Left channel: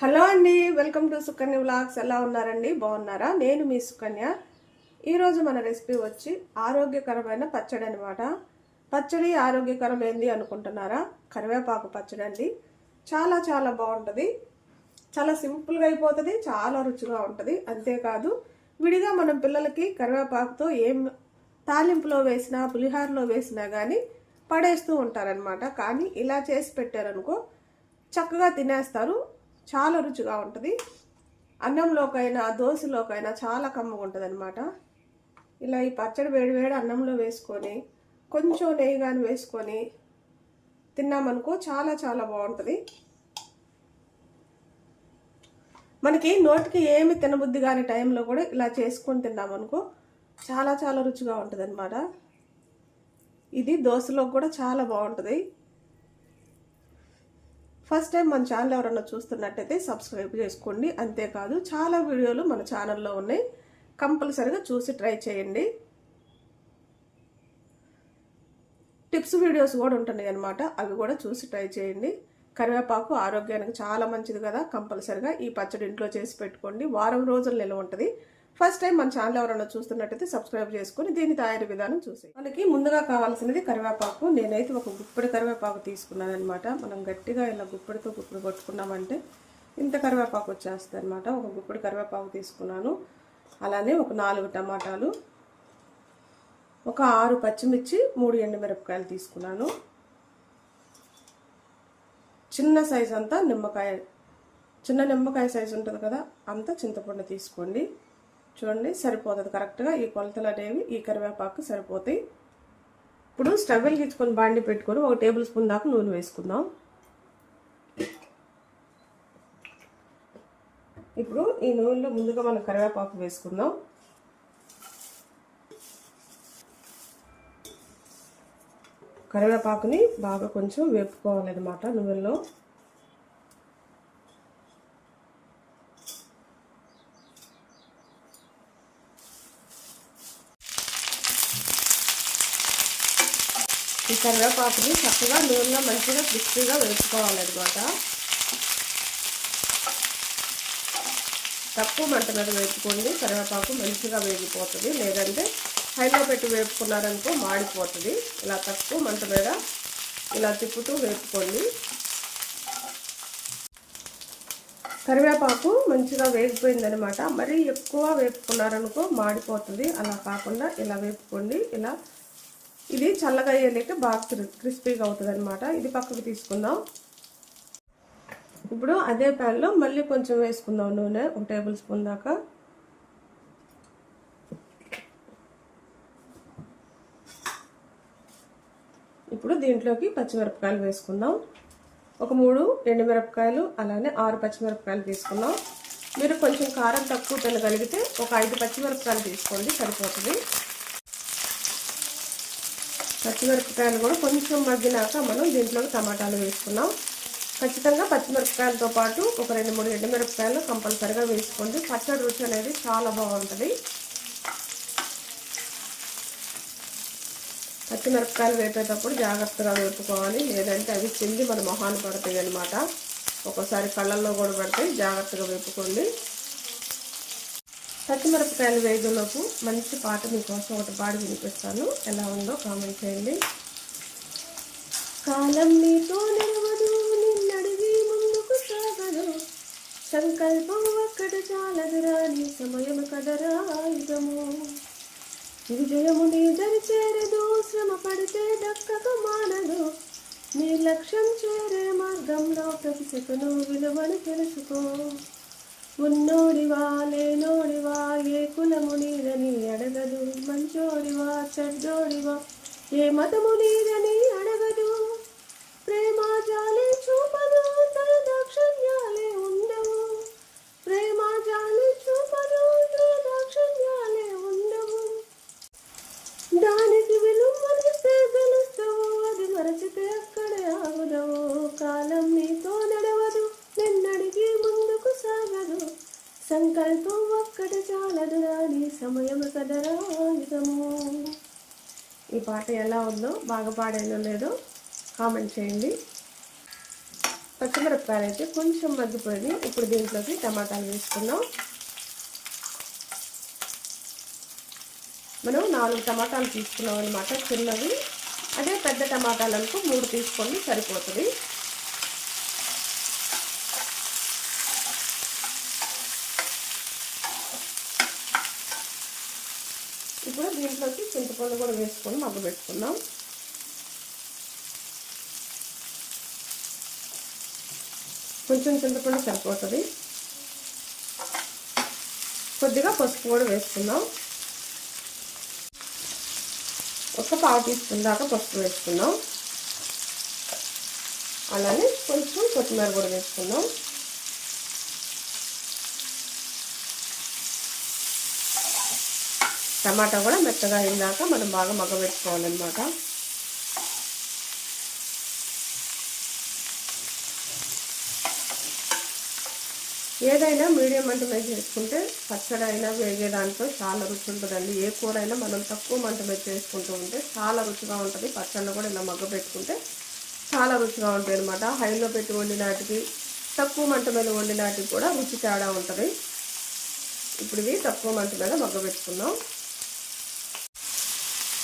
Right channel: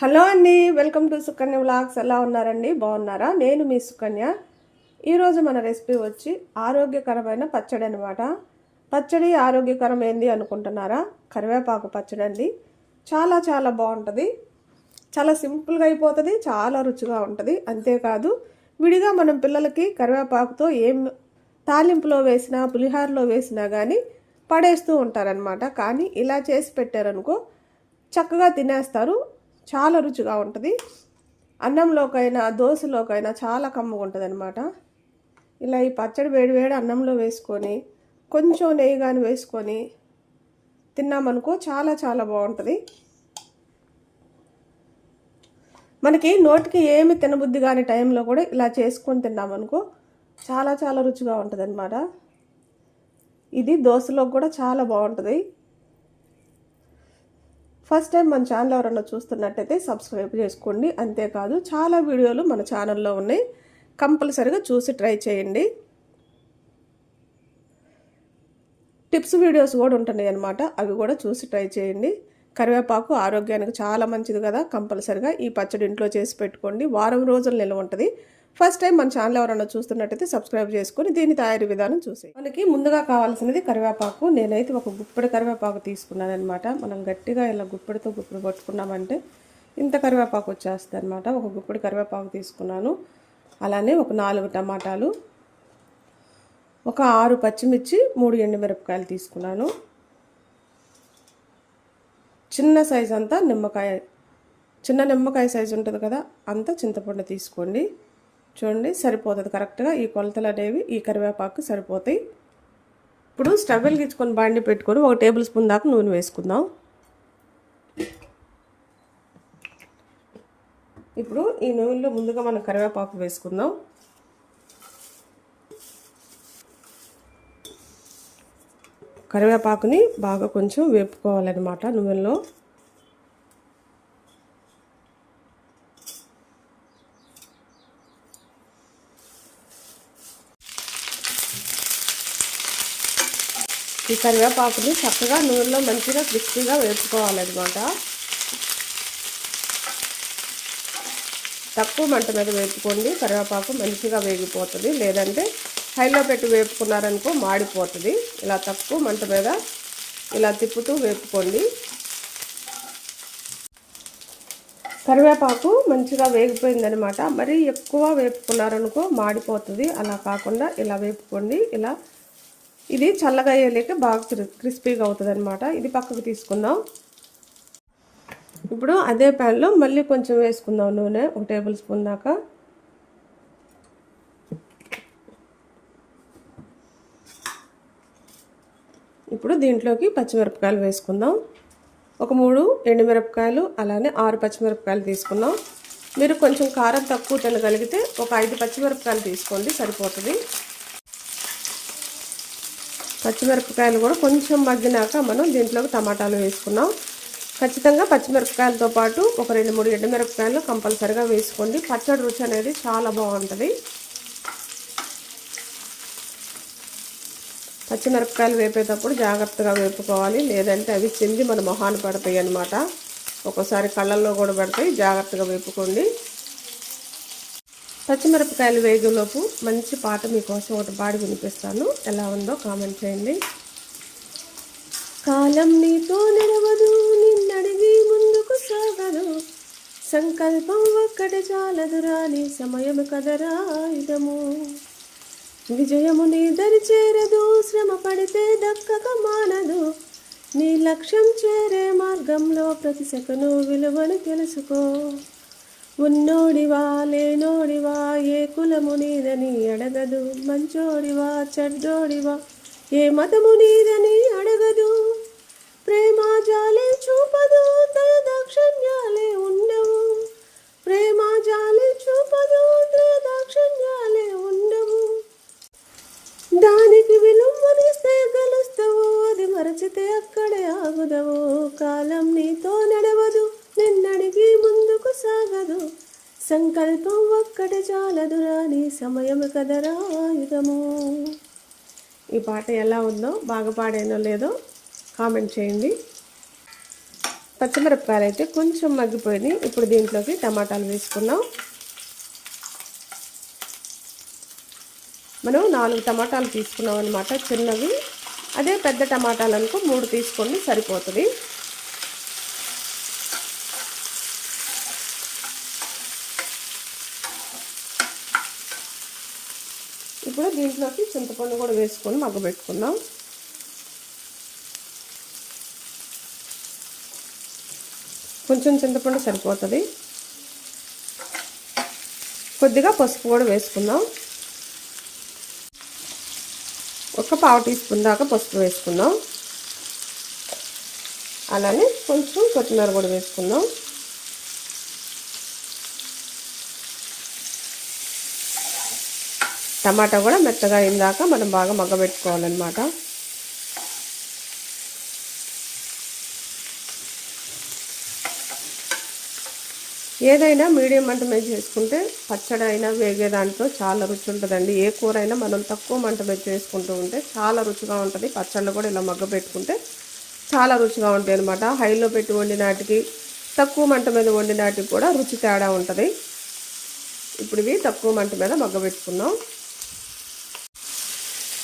Hello అండి welcome to Sukanya vlogs. ఎలా ఉన్నారండి? బాగున్నారా? నేను మీ సుకన్య. ఈరోజు మన రెసిపీ వచ్చి ఆరోగ్యకరమైన పచ్చడి అనమాట పచ్చడి ఆరోగ్యకరం ఏంది అనుకుంటున్నారా? కరివేపాకు పచ్చడి అండి. చాలా చాలా బాగుంటుంది. చాలా సింపుల్గా అయిపోతుంది చాలా రుచిగా ఉంటుంది. అంతేకాదు విడిగా మనం పిల్లలకి కరివేపాకుతో ఏం తాలింపులో వేసినా పులిహారలో వేసినా కానీ పడేస్తూ ఉంటారనమాట కానీ ఇలా చేసి పెట్టారనుకో చక్కగా తినేస్తారు. చాలా రుచిగా ఉంటుంది. అన్నంలోకైనా దోశలోకైనా చాలా కమ్మగా ఉంటుంది అనమాట ఇలా ఈ పచ్చడి వేడి వేడి అన్నంలో వేసుకొని కొంచెం నెయ్యి కానీ వేసుకొని తిన్నామనుకో చాలా చాలా బాగుంటుంది. మనకి నోటికి ఏమి తినబుద్ధి కాని టైంలో కూడా ఇలా చేసుకొని తిన్నామనుకో చాలా చాలా రుచిగా ఉంటుంది అనమాట ఇది దోశలో కూడా చాలా బాగుంటుంది. ఫస్ట్ టైం మన ఛానల్ ఎవరన్నా చూస్తున్నట్టయితే సబ్స్క్రైబ్ చేసుకోండి. అంతేకాదు చాలా వీడియోలు మన ఛానల్లో ఉన్నాయి. కంపల్సరిగా చూసి ట్రై చేయండి. టిప్స్ వీడియోస్ కూడా ఉంటున్నాయి అనమాట అవి కూడా చూసి ట్రై చేయండి. కరివేపాకు ఆరోగ్యానికి చాలా మంచిది కదా. కంపల్సరిగా ఈ పచ్చడి ఇంట్లో చేసి పెట్టుకోండి. వారం రోజులు నిల్వ ఉంటుంది. ఫస్ట్ టైం మన ఛానల్ ఎవరైనా చూస్తున్నట్టయితే సబ్స్క్రైబ్ చేసుకొని దీని తయారీ విధానం చూసి మనకి ముందుగా కావాల్సినది కరివేపాకు. నేనైతే ఒక గుప్పడి కరివేపాకు తీసుకున్నాను అనమాట మనం గట్టిగా ఇలా గుప్పడితో గుప్పెడు కొట్టుకున్నామంటే ఇంత కరివేపాకు వచ్చేస్తుంది అనమాట ఒక గుప్పడి కరివేపాకు తీసుకున్నాను. అలానే ఒక నాలుగు టమాటాలు ఒక ఆరు పచ్చిమిర్చి మూడు ఎండుమిరపకాయలు తీసుకున్నాను. చిన్న సైజు అంతా నిమ్మకాయ చిన్న నిమ్మకాయ సైజు ఉంటుంది కదా అంత చింతపండు తీసుకోండి. చూడండి సరిపోతుంది కరెక్ట్గా ఈ కొలతలు అనేవి ఈ కరివేపాకు సరిపోతాయి. ఇప్పుడు స్టవ్ వెలిగించుకొని బాండి పెట్టుకొని ఒక టేబుల్ స్పూన్ దాకా నూనె వేసుకుందాం. ఇప్పుడు ఈ నూనెలో ముందుగా మనం కరివేపాకు వేసుకుందాం. కరివేపాకుని బాగా కొంచెం వేపుకోవాలన్నమాట నూనెలో. కరివేపాకుని చక్కగా నూనెలో మంచిగా క్రిస్పీగా వేపుకోవాలన్నమాట తక్కువ మంట మీద వేపుకోండి కరివేపాకు మంచిగా వేగిపోతుంది. లేదంటే హైలో పెట్టి వేపుకున్నారనుకో మాడిపోతుంది. ఇలా తక్కువ మంట మీద ఇలా తిప్పుతూ వేపుకోండి. కరివేపాకు మంచిగా వేగిపోయిందనమాట మరీ ఎక్కువ వేపుకున్నారనుకో మాడిపోతుంది. అలా కాకుండా ఇలా వేపుకోండి. ఇలా ఇది చల్లగా అయ్యేలేక బాగా క్రిస్పీగా అవుతుంది అనమాట ఇది పక్కకు తీసుకుందాం. ఇప్పుడు అదే ప్యాన్లో మళ్ళీ కొంచెం వేసుకుందాం నూనె. ఒక టేబుల్ స్పూన్ దాకా. ఇప్పుడు దీంట్లోకి పచ్చిమిరపకాయలు వేసుకుందాం. ఒక మూడు ఎండుమిరపకాయలు అలానే ఆరు పచ్చిమిరపకాయలు తీసుకుందాం. మీరు కొంచెం కారం తక్కువ తినగలిగితే ఒక ఐదు పచ్చిమిరపకాయలు తీసుకోండి సరిపోతుంది. పచ్చిమిరపకాయలు కూడా కొంచెం మగ్గినాక మనం దీంట్లోకి టమాటాలు వేసుకున్నాం. ఖచ్చితంగా పచ్చిమిరపకాయలతో పాటు ఒక రెండు మూడు ఎండుమిరపకాయలు కంపల్సరిగా వేసుకోండి. పచ్చడి రుచి అనేది చాలా బాగుంటుంది. పచ్చిమిరపకాయలు వేపేటప్పుడు జాగ్రత్తగా వేపుకోవాలి. లేదంటే అవి చింది మన మొహాలు పడతాయి అన్నమాట. ఒక్కోసారి కళ్ళల్లో కూడా పడతాయి. జాగ్రత్తగా వేపుకోండి. పచ్చిమిరపకాయలు వేగులోపు మంచి పాట మీకోసం ఒకటి పాడు వినిపిస్తాను. ఎలా ఉందో కామెంట్ చేయండి. కాలం నీతో నడవదు నిన్నడివి ముందుకు సాగదు. సంకల్పం ఒక్కటి చాలదు రాని సమయం కదరా ఇదము. విజయము నీ దరి చేరదు శ్రమ పడితే దక్కక మానదు. నీ లక్ష్యం చేరే మార్గంలో ప్రతి సెకను విలువను తెలుసుకో. ఉన్నోడివా లేనోడివా ఏ కులము నీదని అడగదు. మంచోడివా చెడ్డోడివా ఏ మతము నీదని అడగదు. ప్రేమ జాలే చూపదు దయ దాక్షిణ్యాలే ఉండవు. ప్రేమ జాలే చూపదు దయ దాక్షిణ్యాలే ఉండవు దానికి విలువనిస్తే గెలుస్తావు అది మరచితే అక్కడే ఆగుదవు కాలం నీతో నడవదు నిన్నడిగి ముందుకు సాగదు సంకల్పం ఒక్కటి సమయము నీ కదరా యుగము ఈ పాట ఎలా ఉందో బాగా పాడైనో లేదో కామెంట్ చేయండి. పచ్చిమిరపకాయలు అయితే కొంచెం మగ్గిపోయింది. ఇప్పుడు దీంట్లోకి టమాటాలు వేసుకున్నాం మనం నాలుగు టమాటాలు తీసుకున్నాం అనమాట చిన్నవి. అదే పెద్ద టమాటాలు అనుకో మూడు తీసుకొని సరిపోతుంది. ఇప్పుడు దీంట్లోకి చింతపండు కూడా వేసుకొని మగ్గబెట్టుకుందాం కొంచెం చింతపండు సరిపోతుంది. కొద్దిగా పసుపు కూడా వేసుకుందాం. ఒక పావు టీ స్పూన్ దాకా పసుపు వేసుకుందాం. అలానే కొంచెం కొత్తిమీర కూడా వేసుకుందాం. టమాటా కూడా మెత్తగా అయిందాక మనం బాగా మగ్గబెట్టుకోవాలన్నమాట. ఏదైనా మీడియం మంట మీద చేసుకుంటే పచ్చడి అయినా వేగే దాంట్లో చాలా రుచి ఉంటుందండి. ఏ కూర అయినా మనం తక్కువ మంట మీద చేసుకుంటూ ఉంటే చాలా రుచిగా ఉంటుంది. పచ్చళ్ళు కూడా ఇలా మగ్గ పెట్టుకుంటే చాలా రుచిగా ఉంటాయి అనమాట హైలో పెట్టి వండినాటికి తక్కువ మంట మీద వండినాటికి కూడా రుచి తేడా ఉంటుంది. ఇప్పుడు ఇవి తక్కువ మంట మీద మగ్గ పెట్టుకున్నాం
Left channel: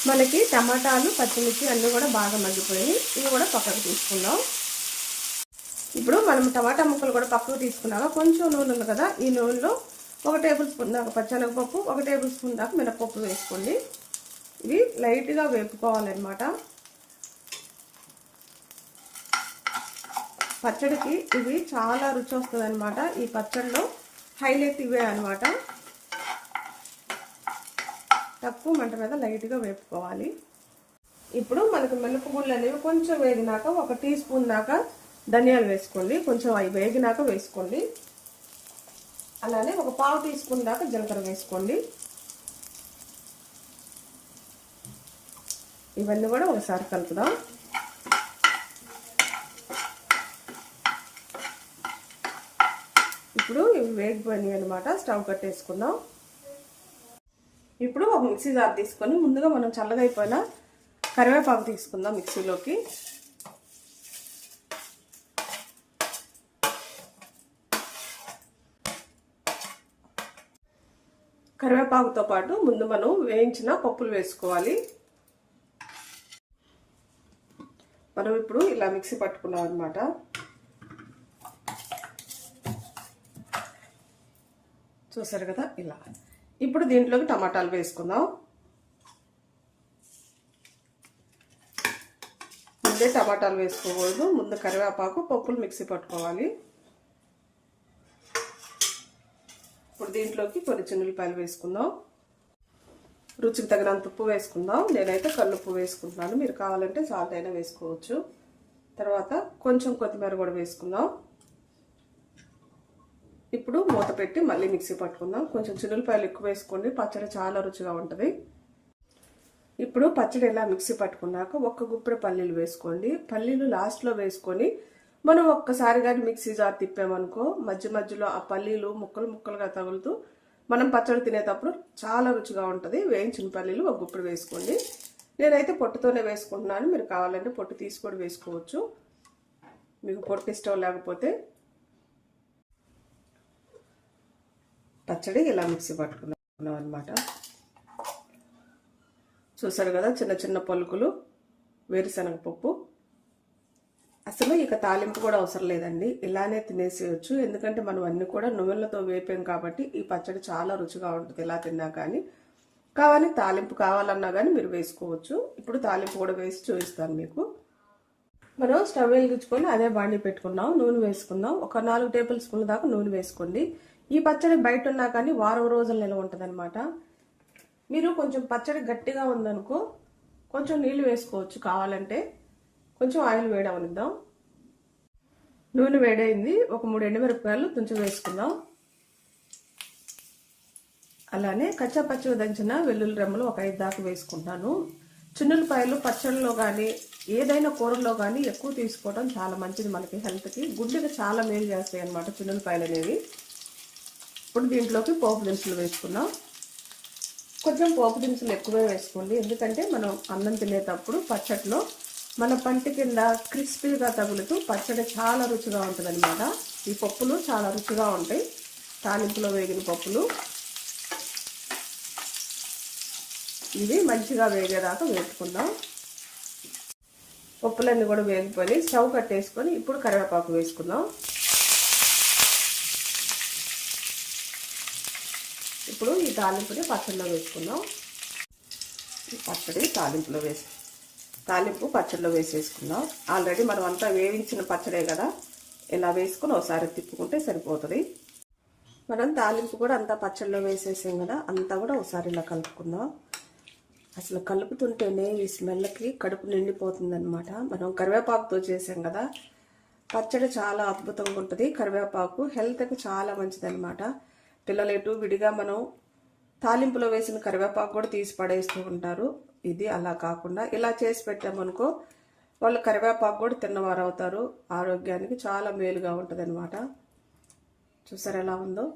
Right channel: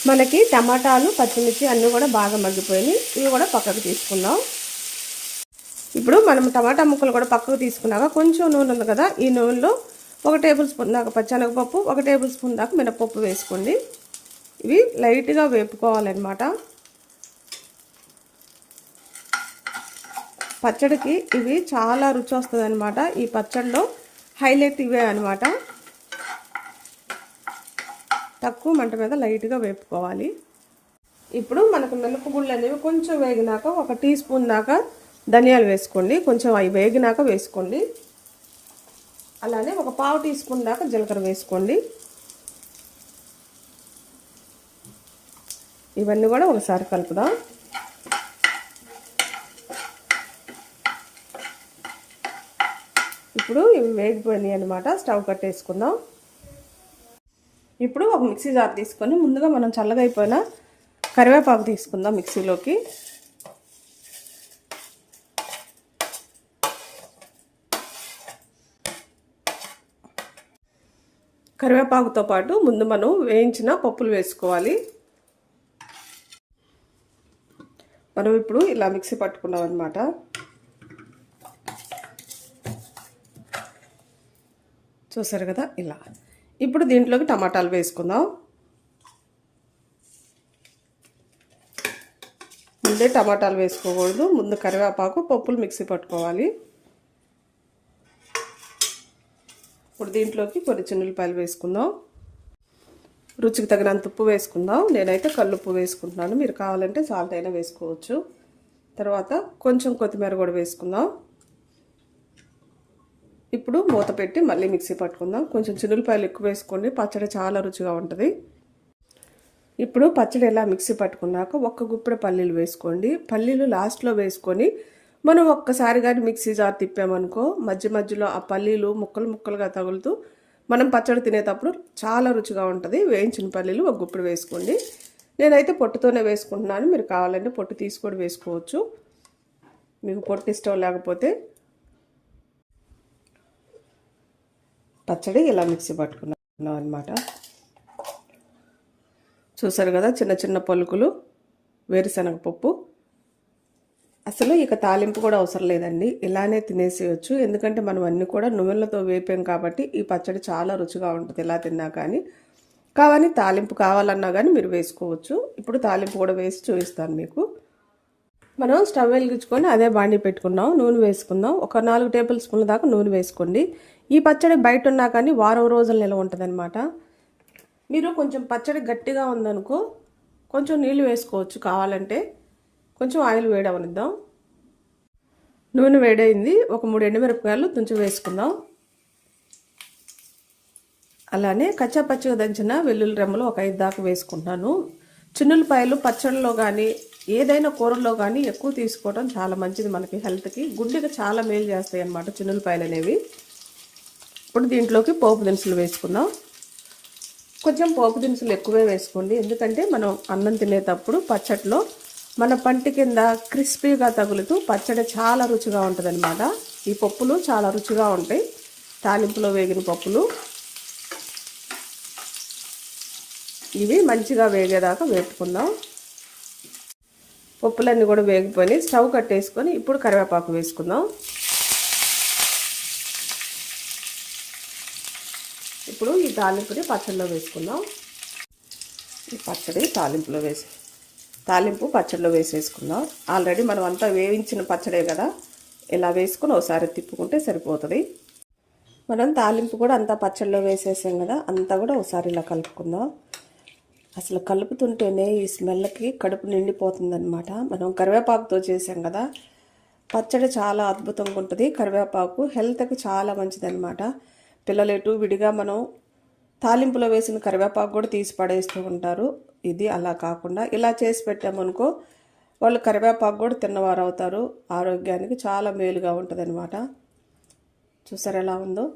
మనకి టమాటాలు పచ్చిమిర్చి అన్నీ కూడా బాగా మగ్గిపోయినాయి. ఇవి కూడా పక్కకు తీసుకుందాం. ఇప్పుడు మనం టమాటా ముక్కలు కూడా పక్కకు తీసుకున్నాక కొంచెం నూనె ఉంది కదా ఈ నూనెలో ఒక టేబుల్ స్పూన్ దాకా పచ్చనగపప్పు ఒక టేబుల్ స్పూన్ దాకా మినపప్పు వేసుకోండి. ఇవి లైట్గా వేపుకోవాలన్నమాట. పచ్చడికి ఇవి చాలా రుచి వస్తుంది అనమాట ఈ పచ్చడిలో హైలైట్ ఇవే అనమాట తక్కువ మంట మీద లైట్గా వేపుకోవాలి. ఇప్పుడు మనకు మినపగుళ్ళు అనేవి కొంచెం వేగినాక ఒక టీ స్పూన్ దాకా ధనియాలు వేసుకోండి. కొంచెం అవి వేగినాక వేసుకోండి. అలానే ఒక పావు టీ స్పూన్ దాకా జీలకర్ర వేసుకోండి. ఇవన్నీ కూడా ఒకసారి కలుపుదాం. ఇప్పుడు ఇవి వేగిపోయినాయి అనమాట స్టవ్ కట్టేసుకుందాం. ఇప్పుడు ఒక మిక్సీ జార్ తీసుకొని ముందుగా మనం చల్లగా అయిపోయిన కరివేపాకు తీసుకుందాం మిక్సీలోకి. కరివేపాకుతో పాటు ముందు మనం వేయించిన పప్పులు వేసుకోవాలి. మనం ఇప్పుడు ఇలా మిక్సీ పట్టుకున్నాం అనమాట చూసారు కదా? ఇలా. ఇప్పుడు దీంట్లోకి టమాటాలు వేసుకుందాం. ముందే టమాటాలు వేసుకోకూడదు. ముందు కరివేపాకు పప్పులు మిక్సీ పట్టుకోవాలి. ఇప్పుడు దీంట్లోకి కొన్ని చిన్నులపాయలు వేసుకుందాం. రుచికి తగినంత ఉప్పు వేసుకుందాం. నేనైతే కల్లుప్పు వేసుకుంటున్నాను. మీరు కావాలంటే సాల్ట్ అయినా వేసుకోవచ్చు. తర్వాత కొంచెం కొత్తిమీర కూడా వేసుకుందాం. ఇప్పుడు మూత పెట్టి మళ్ళీ మిక్సీ పట్టుకుందాం. కొంచెం చిన్నులపాయలు ఎక్కువ వేసుకోండి. పచ్చడి చాలా రుచిగా ఉంటుంది. ఇప్పుడు పచ్చడి ఎలా మిక్సీ పట్టుకున్నాక ఒక్క గుప్పెడ పల్లీలు వేసుకోండి. పల్లీలు లాస్ట్లో వేసుకొని మనం ఒక్కసారి కానీ మిక్సీ జార్ తిప్పామనుకో మధ్య మధ్యలో ఆ పల్లీలు ముక్కలు ముక్కలుగా తగులుతూ మనం పచ్చడి తినేటప్పుడు చాలా రుచిగా ఉంటుంది. వేయించిన పల్లీలు ఒక గుప్పెడు వేసుకోండి. నేనైతే పొట్టుతోనే వేసుకుంటున్నాను. మీరు కావాలంటే పొట్టు తీసుకొని వేసుకోవచ్చు. మీకు పొట్టు ఇష్టం లేకపోతే పచ్చడి ఇలా మిక్సీ పట్టుకున్నాం అనమాట చూసారు కదా చిన్న చిన్న పలుకులు వేరుశనగ పప్పు అసలు ఇక తాలింపు కూడా అవసరం లేదండి. ఇలానే తినేసేయచ్చు. ఎందుకంటే మనం అన్నీ కూడా నువ్వులతో వేపాం కాబట్టి ఈ పచ్చడి చాలా రుచిగా ఉంటుంది ఇలా తిన్నా కానీ. కావాలి తాలింపు కావాలన్నా కానీ మీరు వేసుకోవచ్చు. ఇప్పుడు తాలింపు కూడా వేసి చూపిస్తాను మీకు. మనం స్టవ్ వెలిగించుకొని అదే బాండి పెట్టుకున్నాం నూనె వేసుకుందాం. ఒక నాలుగు టేబుల్ స్పూన్ల దాకా నూనె వేసుకోండి. ఈ పచ్చడి బయట ఉన్నా కానీ వారం రోజులు నిల్వ ఉంటుంది మీరు కొంచెం పచ్చడి గట్టిగా ఉందనుకో కొంచెం నీళ్ళు వేసుకోవచ్చు. కావాలంటే కొంచెం ఆయిల్ వేడవనిద్దాం. నూనె వేడైంది. ఒక మూడు ఎండుమిరపకాయలు తుంచి వేసుకుందాం. అలానే కచ్చా పచ్చగా దంచిన వెల్లుల్లి రెమ్మలు ఒక ఐదు దాకా వేసుకుంటున్నాను చిన్నులపాయలు పచ్చళ్ళలో కానీ ఏదైనా కూరల్లో కానీ ఎక్కువ తీసుకోవడం చాలా మంచిది మనకి హెల్త్కి గుడ్డిగా చాలా మేలు చేస్తాయి అన్నమాట చిన్నులపాయలు అనేవి ఇప్పుడు దీంట్లోకి పోపు దినుసులు వేసుకున్నాం కొంచెం పోపు దినుసులు ఎక్కువే వేసుకోండి. ఎందుకంటే మనం అన్నం తినేటప్పుడు పచ్చట్లో మన పంటి కింద క్రిస్పీగా తగులుతూ పచ్చడి చాలా రుచిగా ఉంటుంది ఈ పప్పులు చాలా రుచిగా ఉంటాయి. తాలింపులో వేగిన పప్పులు. ఇవి మంచిగా వేగేదాకా వేపుకుందాం. పప్పులన్నీ కూడా వేగిపోయి స్టవ్ కట్టేసుకొని ఇప్పుడు కరివేపాకు వేసుకుందాం. ఇప్పుడు ఈ తాలింపుని పచ్చడిలో వేసుకుందాం. ఈ పచ్చడి తాలింపులో వేసి తాలింపు పచ్చడిలో వేసేసుకుందాం. ఆల్రెడీ మనం అంతా వేయించిన పచ్చడే కదా. ఇలా వేసుకుని ఒకసారి తిప్పుకుంటే సరిపోతుంది. మనం తాలింపు కూడా అంతా పచ్చడిలో వేసేసాం కదా అంతా కూడా ఒకసారి ఇలా కలుపుకుందాం. అసలు కలుపుతుంటేనే ఈ స్మెల్కి కడుపు నిండిపోతుందనమాట మనం కరివేపాకుతో చేసాం కదా. పచ్చడి చాలా అద్భుతంగా ఉంటుంది. కరివేపాకు హెల్త్కి చాలా మంచిదన్నమాట. పిల్లలు ఎటు విడిగా మనం తాలింపులో వేసిన కరివేపాకు కూడా తీసి పడేస్తూ ఉంటారు. ఇది అలా కాకుండా ఇలా చేసి పెట్టామనుకో వాళ్ళు కరివేపాకు కూడా తిన్నవారు అవుతారు. ఆరోగ్యానికి చాలా మేలుగా ఉంటుందన్నమాట. చూసారు ఎలా ఉందో?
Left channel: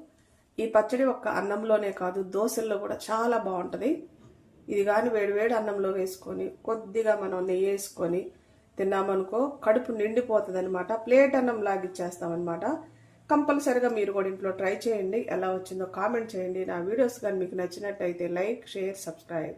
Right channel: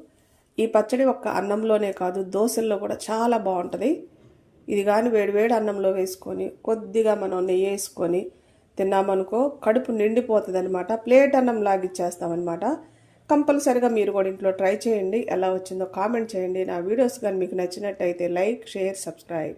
ఈ పచ్చడి ఒక్క అన్నంలోనే కాదు దోశల్లో కూడా చాలా బాగుంటుంది. ఇది కానీ వేడివేడి అన్నంలో వేసుకొని కొద్దిగా మనం నెయ్యి వేసుకొని తిన్నామనుకో కడుపు నిండిపోతుంది అనమాట ప్లేట్ అన్నం లాగిచ్చేస్తామన్నమాట కంపల్సరిగా మీరు కూడా ఇంట్లో ట్రై చేయండి. ఎలా వచ్చిందో కామెంట్ చేయండి. నా వీడియోస్ కానీ మీకు నచ్చినట్టయితే లైక్ షేర్ సబ్స్క్రైబ్.